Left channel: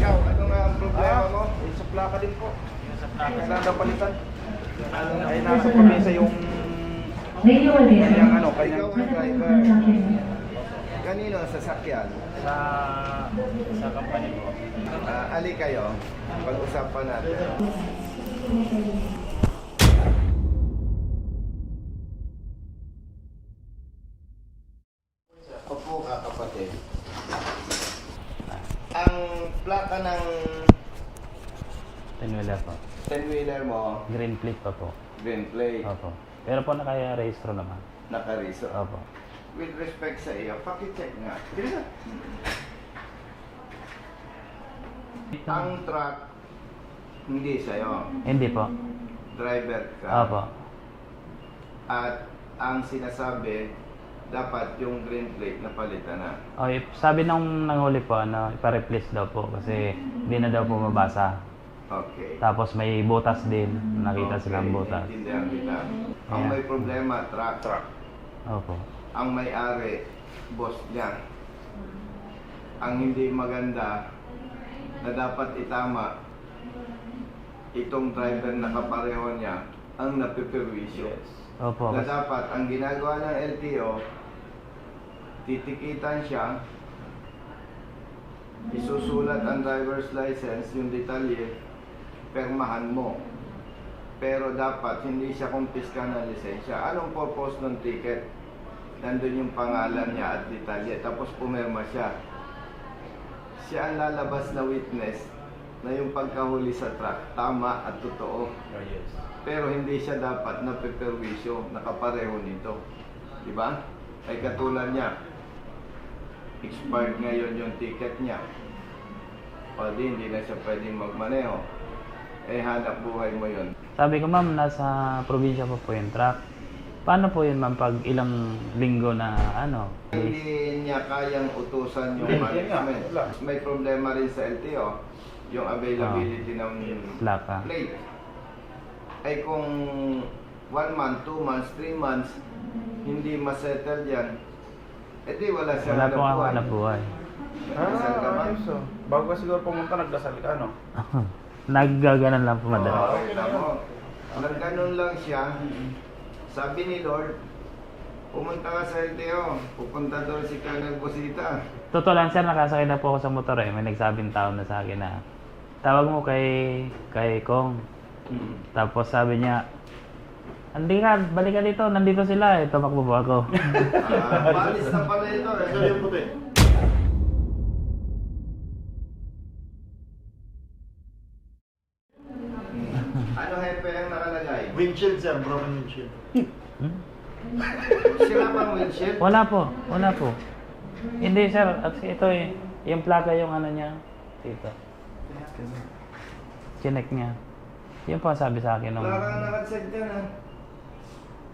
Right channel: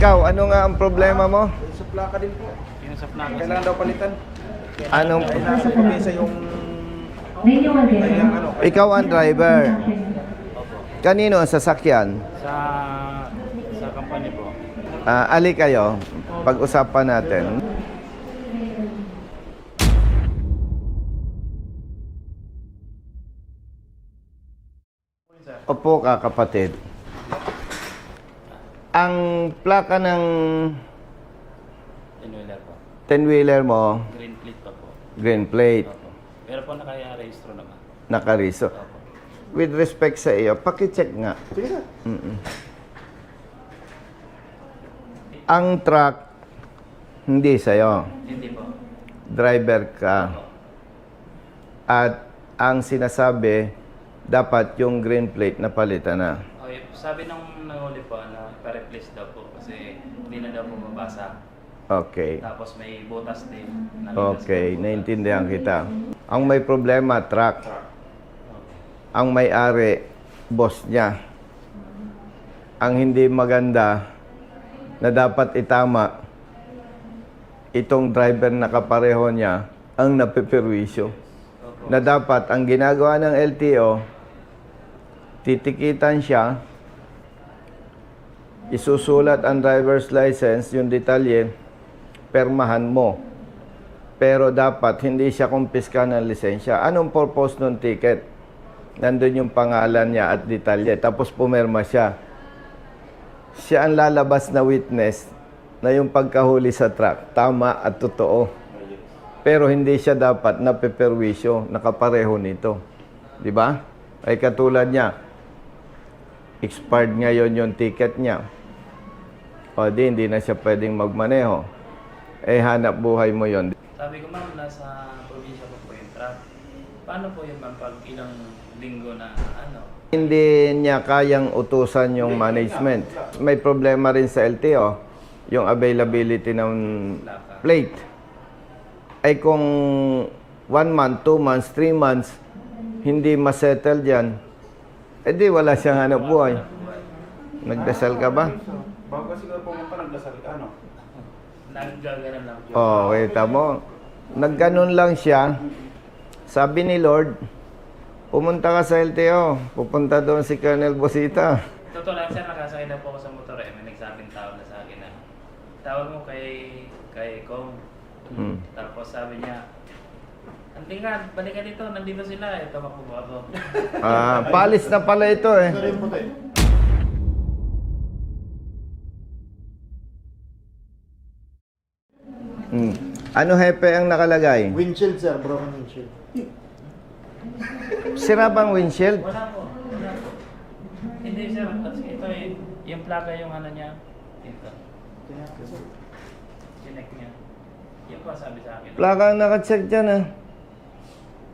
Ikaw, ano nga ang problema mo? Yung sa plaka din po. Yung sa plaka. Kailangan daw palitan. Anong... Ay, nasa pamisa yung... ano, Ikaw ang driver. Kanino ang sasakyan? sa company po. Ali kayo. Pag-usapan natin. Opo ka, kapatid. Ang plaka ng Wala po. 10-wheeler mo, Green plate pa po. green plate, Opo. Pero po naka-rehistro naman. nakariso. Opo. With respect sa iyo, pakicheck nga. Sige sir. Ang truck, hindi sa'yo. Hindi po. Driver ka. Opo. At ang sinasabi, dapat yung green plate na palitan na. Sabi nung nanghuli po, ipa-replace daw po kasi hindi na daw po mabasa. Okay. Tapos may butas din. Nakita Okay, silang butas. naintindihan kita. Ang may problema, truck. Opo. Ang may-ari, boss niya. Ang hindi maganda na dapat itama, itong driver na kapareho niya, ang napeperwisyo. Opo. Na dapat, ang ginagawa ng LTO, titikitan siya, isusulat ang driver's license, yung detalye, permahan mo. Pero dapat hindi siya kumpiska ng lisensya. Anong purpose ng ticket? Nandun yung pangalan niya at detalye. Tapos pumirma siya. Siya ang lalabas na witness na yung pagkahuli sa truck, tama at totoo. Pero hindi siya dapat napeperwisyo, nakapareho nito. Di ba? Ay katulad niya, expired ngayon yung ticket niya. O di, hindi na siya pwedeng magmaneho. Eh, hanap buhay mo yon. Sabi ko, ma'am, nasa probinsya po yung truck. Paano po yun, ma'am, pag ilang linggo na Hindi niya kayang utusan yung management. May problema rin sa LTO, yung availability ng plaka? plate. Ay kung 1 month, 2 months, 3 months, hindi masettle dyan, edi wala siyang hanap buhay. Hanap buhay. Nagdasal ka ba? Bago ka siguro pumunta, nagdasal ka, ano? Naggaganan lang po. Oo, kita mo. Nagganon lang siya. Sabi ni Lord, pumunta ka sa LTO, pupunta doon si Colonel Bosita. Totoo lang, sir, nakasakay na po ako sa motor eh. May nagsabing tao na sa akin na tawag mo kay Kong. Tapos sabi niya, balik ka dito, nandito sila eh. Tumakbo po ako. Palis na pala ito eh. Ano hepe ang nakalagay? Windshield, sir. Broken windshield. Sira bang windshield? Wala po. Hindi, sir. Ito eh. Yung plaka yung niya. Ito. Chinek niya. Yun po sabi sa akin. Plaka ang nakacheck dyan ah.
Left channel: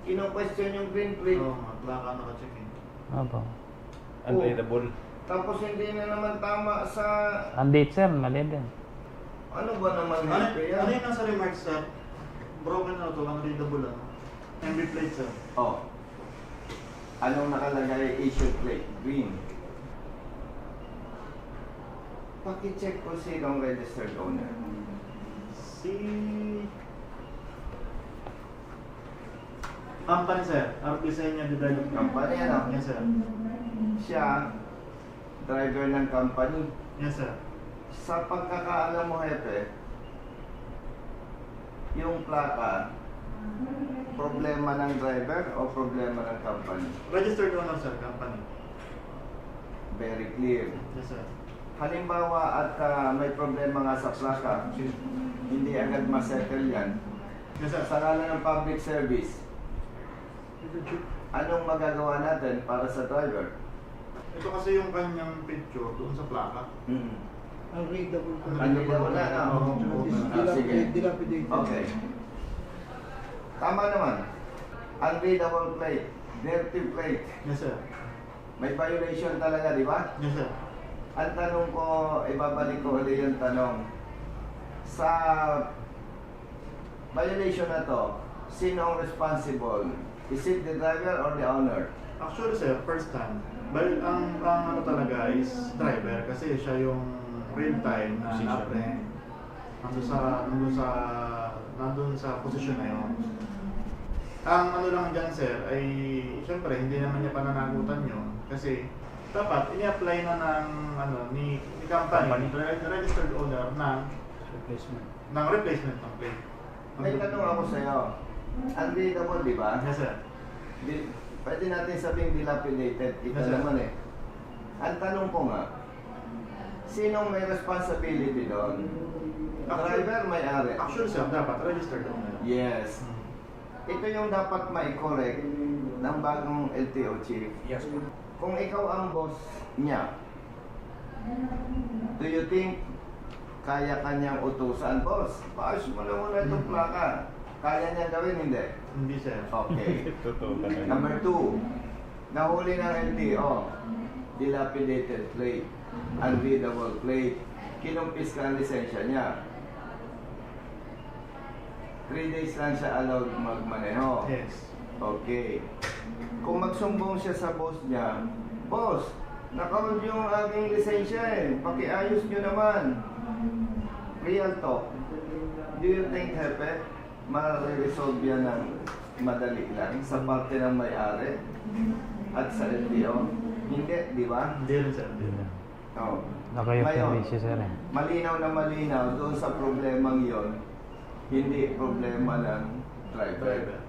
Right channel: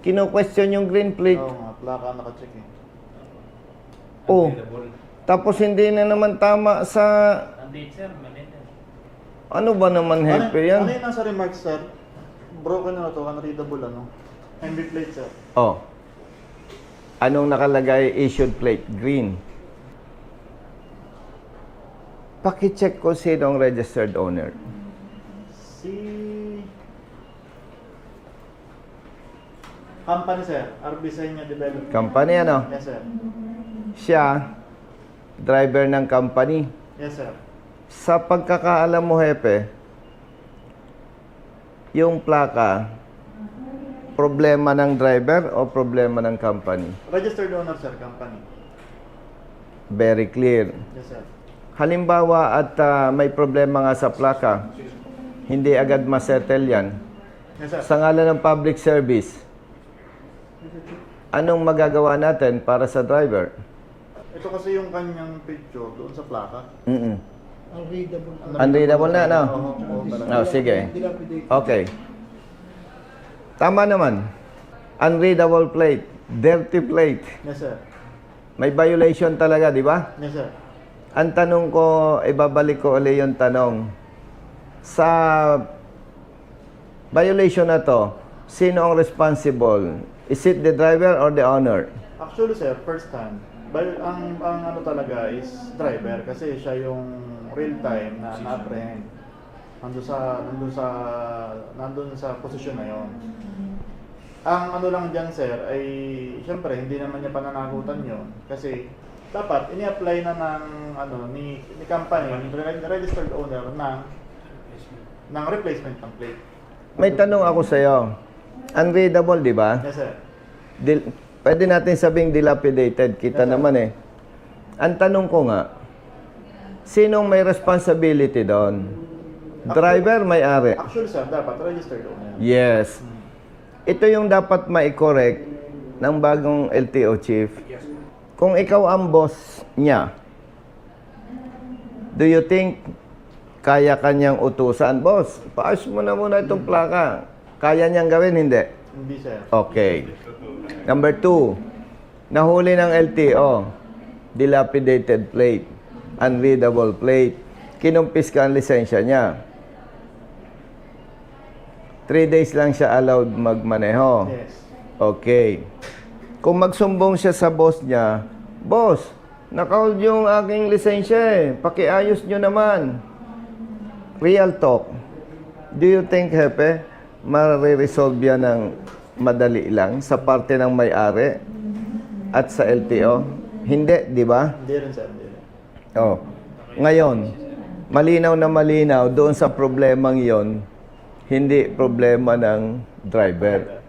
Kino-question yung green plate. Oo nga, plaka nakacheck eh. Opo. Oh. Tapos hindi na naman tama sa... Ang date, sir. Mali din. Ano ba naman hepe Ano yan? yung nasa remarks, sir? Broken na to, unreadable ano? MB plate, sir. Oh. Anong nakalagay? Issued plate. Green. Paki-check ko sino ang registered owner. Si... Company, sir. Arbisenya Development. Company ano? Yes, sir. Siya, driver ng company. Yes, sir. Sa pagkakaalam mo, hepe, yung plaka, problema ng driver o problema ng company? Registered owner, sir. Company. Very clear. Yes, sir. Halimbawa at may problema nga sa plaka, hindi agad masettle yan. Yes, sir. Sa ngalan ng public service, anong magagawa natin para sa driver? Ito kasi yung kanyang picture doon sa plaka. Unreadable na, no? Oo. Oh, sige. Okay. Tama naman. Unreadable plate. Dirty plate. Yes, sir. May violation talaga, di ba? Yes, sir. Ang tanong ko, ibabalik ko ulit yung tanong. Sa violation na to, sino ang responsible? Is it the driver or the owner? Actually, sir, first time. Ang ano talaga is driver kasi siya yung real time na na-print nandun sa posisyon na yon. Ang ano lang dyan, sir, ay siyempre hindi naman niya pananagutan yon kasi dapat ini-apply na ni company, registered owner ng replacement ng plate. May tanong ako sa'yo. Unreadable, di ba? Yes, sir. Pwede natin sabing dilapidated. Kita Yes, sir. naman eh. Ang tanong ko nga, sinong may responsibility doon? Driver, may-ari? Actually, sir, dapat registered owner. Yes. Ito yung dapat mai-correct ng bagong LTO chief. Kung ikaw ang boss niya, do you think kaya kanyang utusan? Boss, paayos mo na muna itong plaka. Kaya niyang gawin? Hindi. Hindi, sir. Okay. Number 2, nahuli ng LTO, dilapidated plate, unreadable plate, kinumpis ka ang lisensya niya. 3 days lang siya allowed magmaneho. Yes. Okay. Kung magsumbong siya sa boss niya, boss, nakahold yung aking lisensya eh, pakiayos nyo naman. Real talk. Do you think, Hepe, mariresolve yan ng madali lang sa parte ng may-ari at sa LTO? Hindi, di ba? Hindi rin, sir. Hindi rin. Oh. Nakaya Ngayon, issue, sir, eh. malinaw na malinaw doon sa problemang yon, hindi problema ng driver.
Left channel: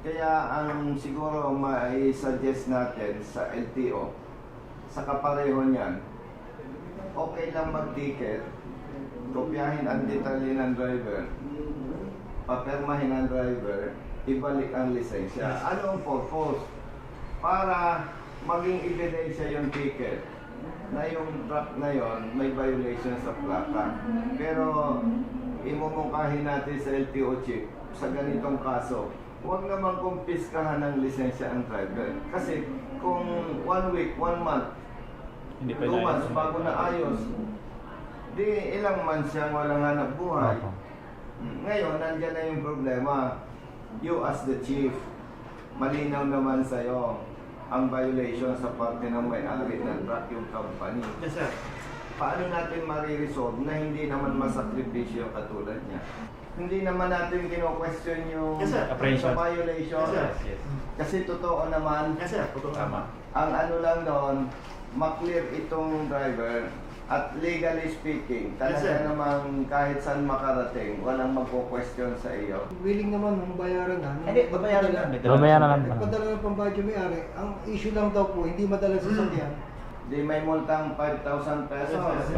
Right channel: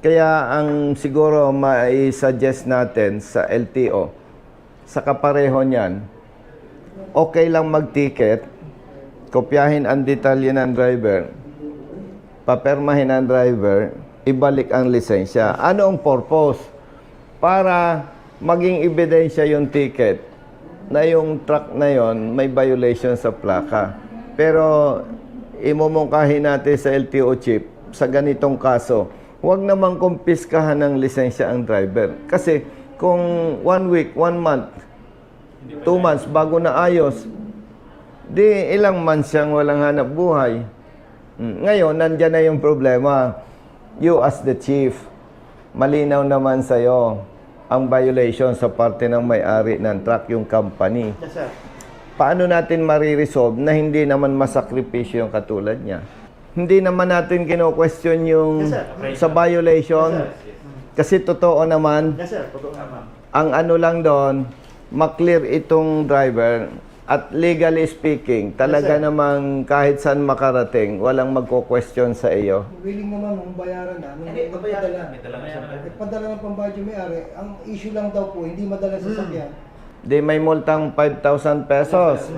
Kaya ang siguro mai-suggest natin sa LTO, sa kapareho niyan, okay lang mag-ticket, kopyahin ang detalye ng driver, papermahin ang driver, ibalik ang lisensya. Ano ang purpose? Para maging ebidensya yung ticket na yung truck na yon may violation sa plaka. Pero imumungkahi natin sa LTO chief, sa ganitong kaso, huwag namang kumpiskahan ng lisensya ang driver. Kasi kung 1 week, 1 month, 2 months bago na ayos, di ilang months siyang walang hanap buhay. Ngayon, nandyan na yung problema. You as the chief, malinaw naman sa'yo ang violation sa parte ng may-ari ng truck, yung company. Yes, sir. Paano natin mariresolve na hindi naman masakripisyo yung katulad niya? Hindi naman natin kino-question yung Yes, sir. sa violation. Yes, sir. Kasi totoo naman, Yes, sir. Totoo naman. ang ano lang doon, maklear itong driver at legally speaking, talaga Yes, sir. namang kahit saan makarating, walang magko-question sa iyo. Willing naman ang bayaran namin. Hindi, babayaran namin. Babayaran natin. Padala ng pambayad yung may-ari. Ang issue lang daw po, hindi madala sa sakyan. Di may multang 5,000 pesos.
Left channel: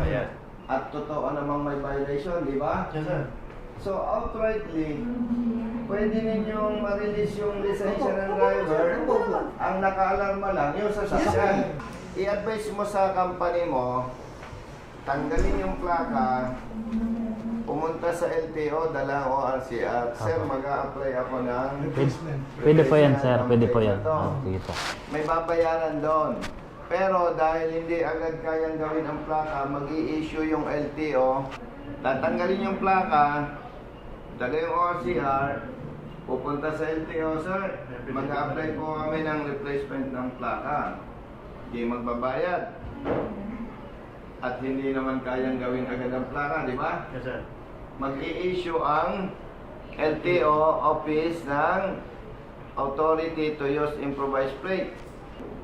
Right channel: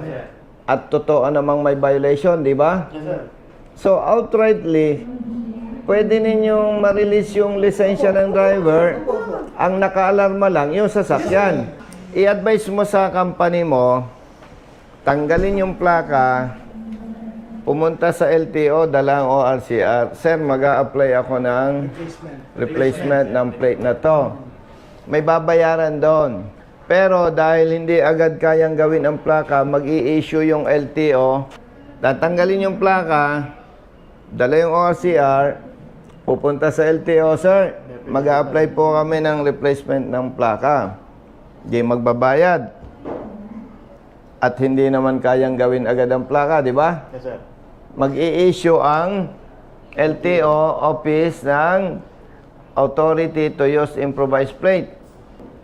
At totoo namang may violation, di ba? Yes, sir. So outrightly, pwede ninyong ma-release yung lisensya ng driver. Ang naka-alarma lang yung sasakyan. I-advise mo sa company mo, tanggalin yung plaka, pumunta sa LTO, dalang ORCR. Sir, mag-a-apply ako ng replacement ng plate na to. May babayaran doon. Pero dahil hindi agad kayang gawin ang plaka, mag-i-issue yung LTO, tatanggalin yung plaka, dala yung ORCR, pupunta sa LTO, sir, mag-a-apply po kami ng replacement ng plaka. Di magbabayad. At hindi naman kayang gawin agad ang plaka, di ba? Yes, sir. Mag-i-issue ang LTO office ng authority to use improvised plate.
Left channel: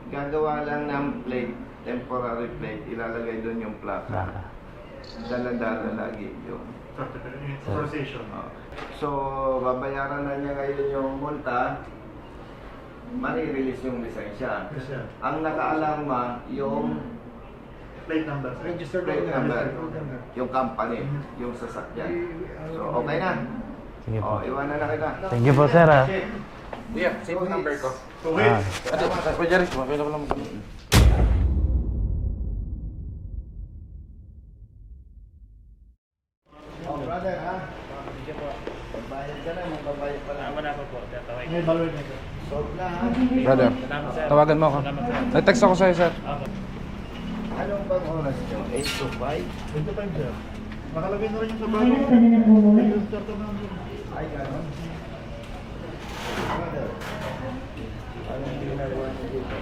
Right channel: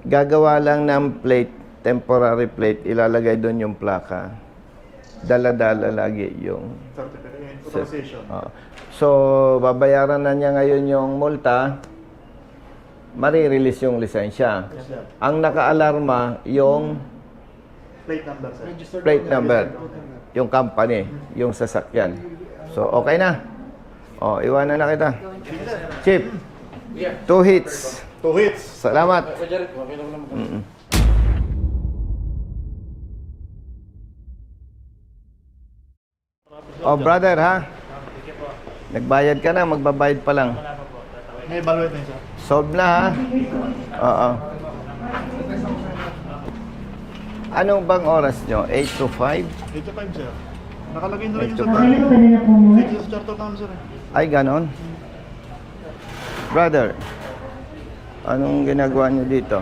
Gagawa lang ng plate, temporary plate, ilalagay doon yung plaka. Dala-dala lagi yung... Authorization. So, babayaran na niya ngayon yung multa, marirelease yung lisensya. Yes, sir. Ang naka-alarma, yung Plate number, sir. Registered plate owner. number, Registered owner. yung company, yung sasakyan. So, okay na. O, iwanan na kita. Thank you po, sir. ah. Chip, 2 hits. 2 weeks. Salamat. Oh, brother, ha? Nagbayad ka na, magbabayad pa lang. I-evaluate na, sir. Solve na, ha? Brother. Oo. Tawagan mo ako. Nag-text ako sa'yo, sir. Anong bang oras nyo? 8 to 5? 85, sir. Nakalagay na rin yung Ito sa pa. Dito sa charter namin, sir. Ay, ganon. Brother, anong ginagawa nyo dito?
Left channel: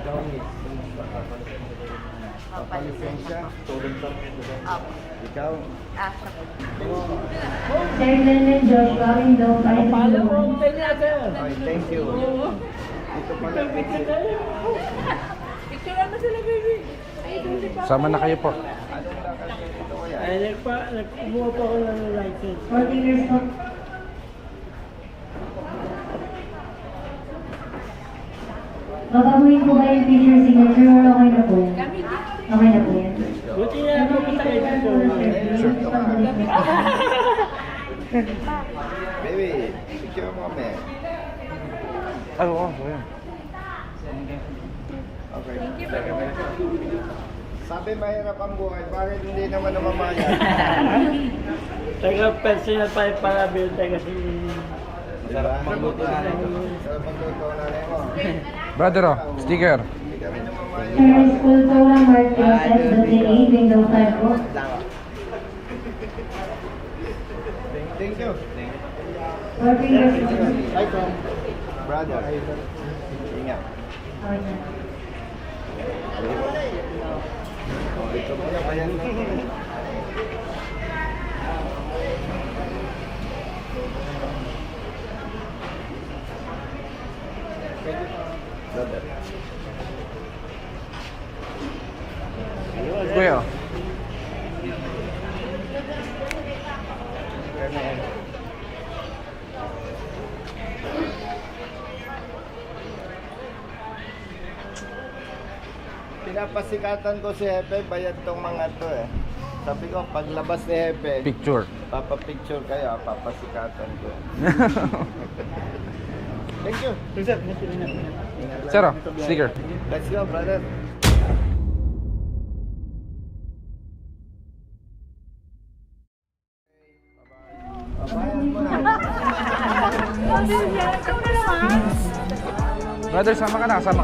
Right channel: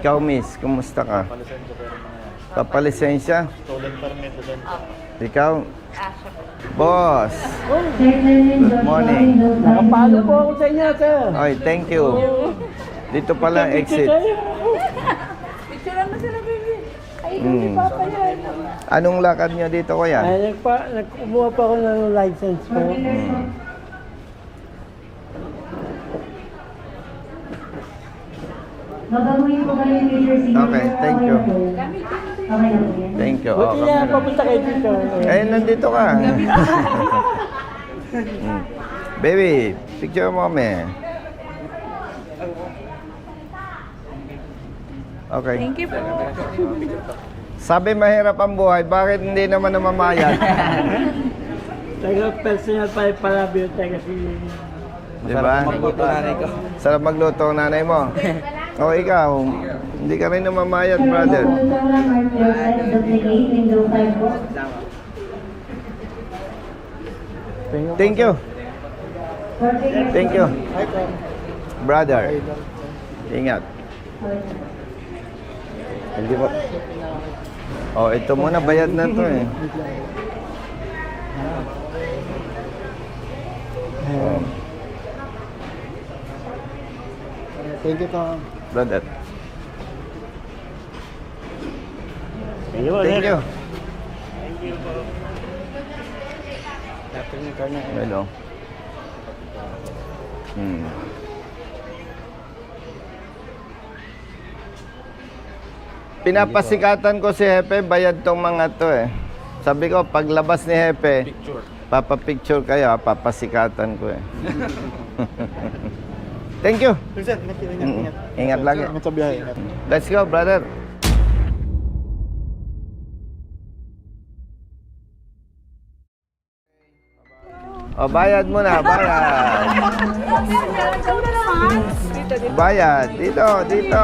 Ikaw, miss, kumusta ka? Papalisensya. Stolen permit. Opo. Ikaw, Ah, siya po. boss. Good morning. Nakapalo po ako sa inyo, sir. Oy, thank you. Dito pala exit. Picture lang mo sila, baby. Sama na kayo po. Anong lakad niyo dito, kuya? Nagkukuha pa ako ng license ko. Babaguhin ko ba yung picture signature? Okay, thank you. Okay na po yan. Thank you. Buti na papunta kayo dito. Eh, nandito ka. Baby, picture mo kami. Okay. Thank you po. Sabi mahirap ang buhay, bakit hindi naman namamayad? Taga personal pa yung para-build kasi Di ba? Sarap magluto ang nanay mo. O Brother, ikaw, sticker. hindi ka rin namamayad, Sir, brother. photo lang, heart size, battery, window type po. Thank you. Thank you. Brother. Ingat. Hindi mo. Oh, ito muna, bayad na to eh. Thank you, Tom. Brother. Thank you. Hello. Pinapasikatan ko si Hepe, bayad tong mga to eh. Sabi ko, paglabas ni Hepe, Picture. papapicture kayo, papasikatan ko eh. Thank you. Sir, ingat. Ingat lang. Sir, sticker. Let's go, brother. O, bayad mo na, bayad. Bayad. Dito, dito.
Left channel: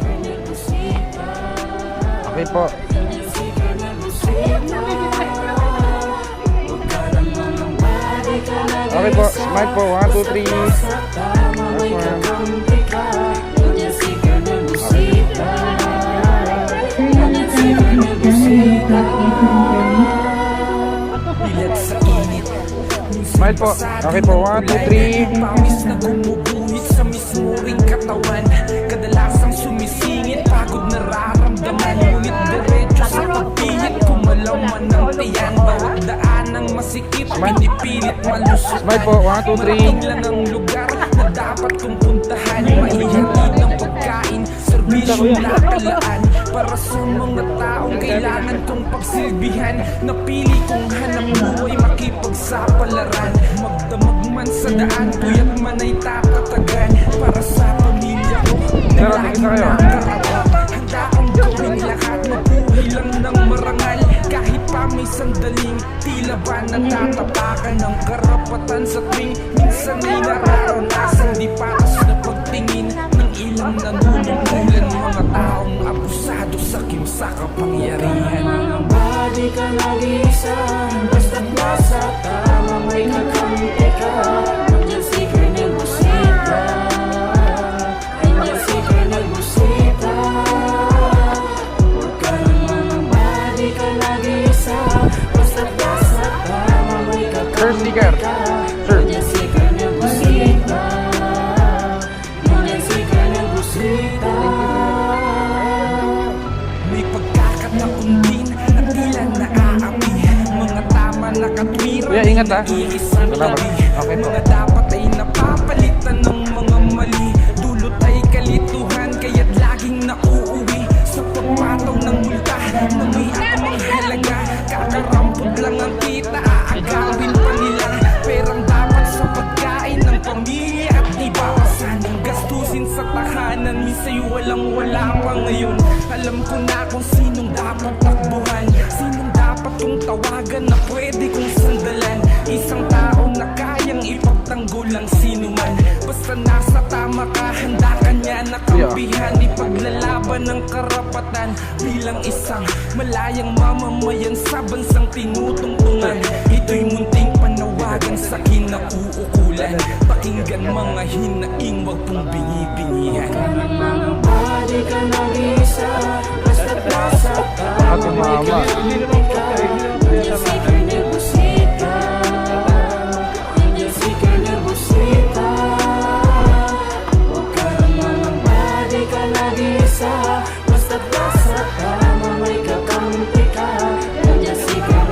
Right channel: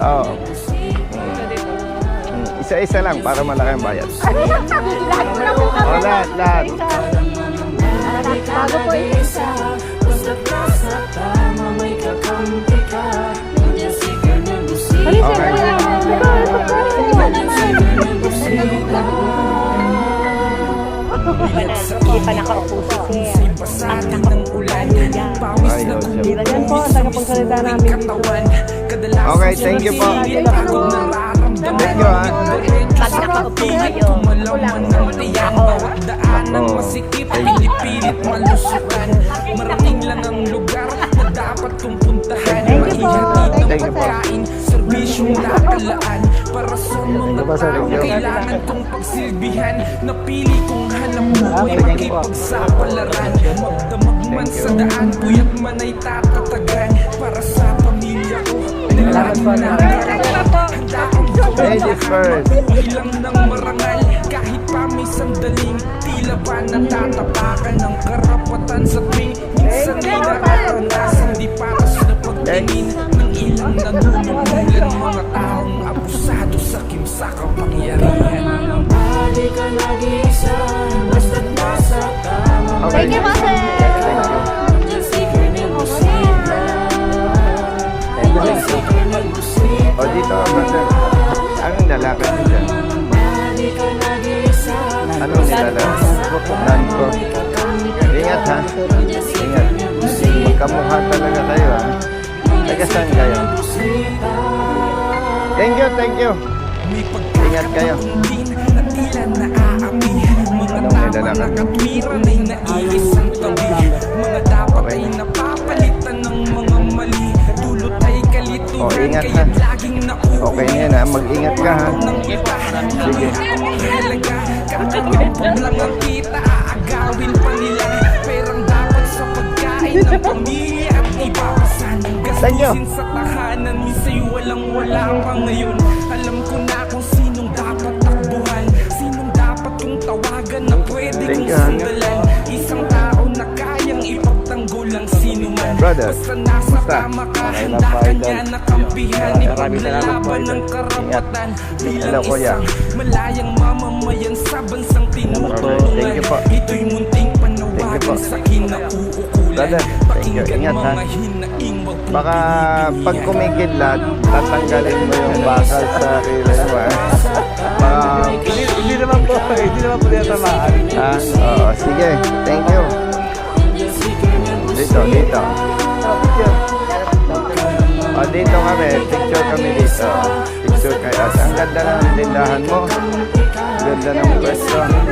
Oh. Isa-isa lang para malaki ang bayad. O, lahat, lahat. Okay po. Mike po. 1, 2, 3. Mike po. Okay po. 1, 2, 3. Pawis na gumuguhit sa misuring katawan. Kadalasan Okay, thank you po. sumisingit, pagod nararamdaman. Ngunit diretso sa pagpilit, kumalaman ng tiyan. Bawat daan ng masikip, pinipilit malusutan. Marating lang ang lugar na dapat kong puntahan. Maihatid ng pagkain, serbisyong nakalaan. Para sa mga taong kailangan kong pagsilbihan. Napili kong hanap buhay, makipagsapalaran. Magdamag man sa daan, puyat man ay tatatagan. Para sa pamilya ko, na laging nakarapat. Handa akong gawin lahat, mabuhay lang ng marangal. Kahit pa may sandaling, tila ba natatapakan ng karapatan sa tuwing minsan ay nararanasan. Di patas na pagtingin ng ilang nanunungkulan. Mga taong abusado sa kimsa kapangyarihan. Mga badi ka nag-iisa, basta't nasa tama may kakampi ka. Nandiyan si Colonel Busita, nandiyan si Colonel Busita. Ang lalaki. Mga badi ka nag-iisa, basta't nasa tama may kakampi ka. Nandiyan si Colonel Busita, Kamukha pa na tayo. nandiyan si Colonel Busita. Thank you, thank you. May pagkakataon din na tila naaapi. Mga tama na katwiran ay naiisang tabi. Mga dapat ay napapalitan ng mga mali. Dulot ay kalituhan, kaya't laging nauuwi. Okay yan, Sa mag-ingat ka. pagpataw ng multa na may akamang halaga. Kakarampog lang ang kita, aagawin pa nila. Perang dapat sa pagkain ng pamilya at ibabasan. Gastusin sa tahanan, minsa'y walang-wala pa ngayon. Alam ko na kung sinong dapat takbuhan, sinong dapat kong tawagan na pwede kong sandalan. Isang tao na kayang ipagtanggol ang sino man. Basta nasa tama ka, handa ka niya na kampihan. Ipaglalaban ng karapatan bilang isang malayang mamamayan sa bansang tinutulungan. Ito'y munting panawagan sa kinauukulan. Pakinggan mga hinaing, wag pong Baka pag binibinihan. kumikidlat, tatanggalin mo yung bakal sa Hindi naman po, hindi naman po yung samahan. Sige, thank you. Dito, dito. O, dito kami. Sure, kaya ang ganda ng tindahan mo. Ganda ng restaurant.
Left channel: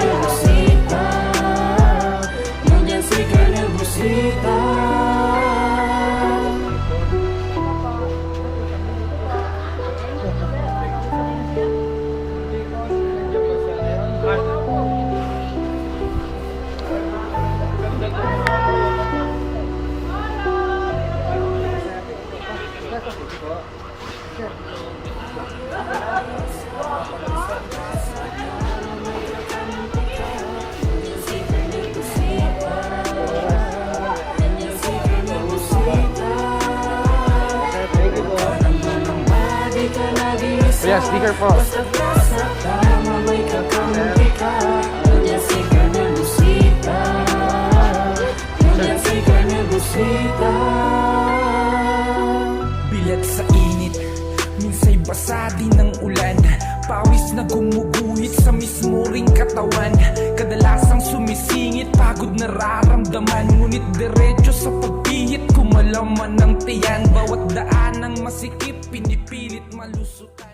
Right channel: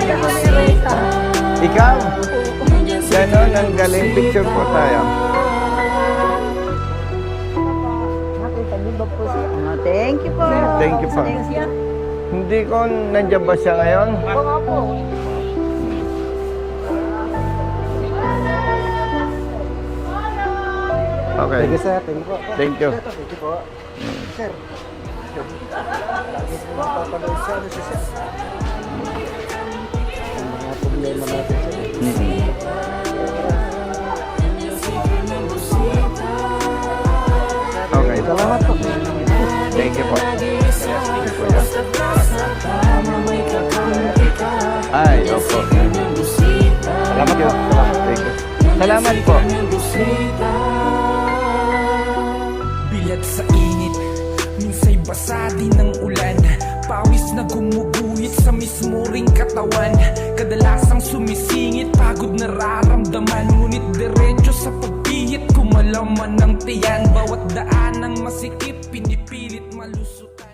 Ikaw, yan ang galing. Picture po tayo. Thank you po. Thank you po. Hindi ko, nandiyan ba siya ngayon? Okay. Thank you. Speaker po. Bilat sa init, minsay basa din ng ulan. Pawis na gumuguhit sa mismo ring katawan. Kadalasang sumisingit, pagod nararamdaman. Ngunit diretso sa pagpihit, kumalaman ng tiyan. Bawat daan ng masikip, pinipilit malusutan.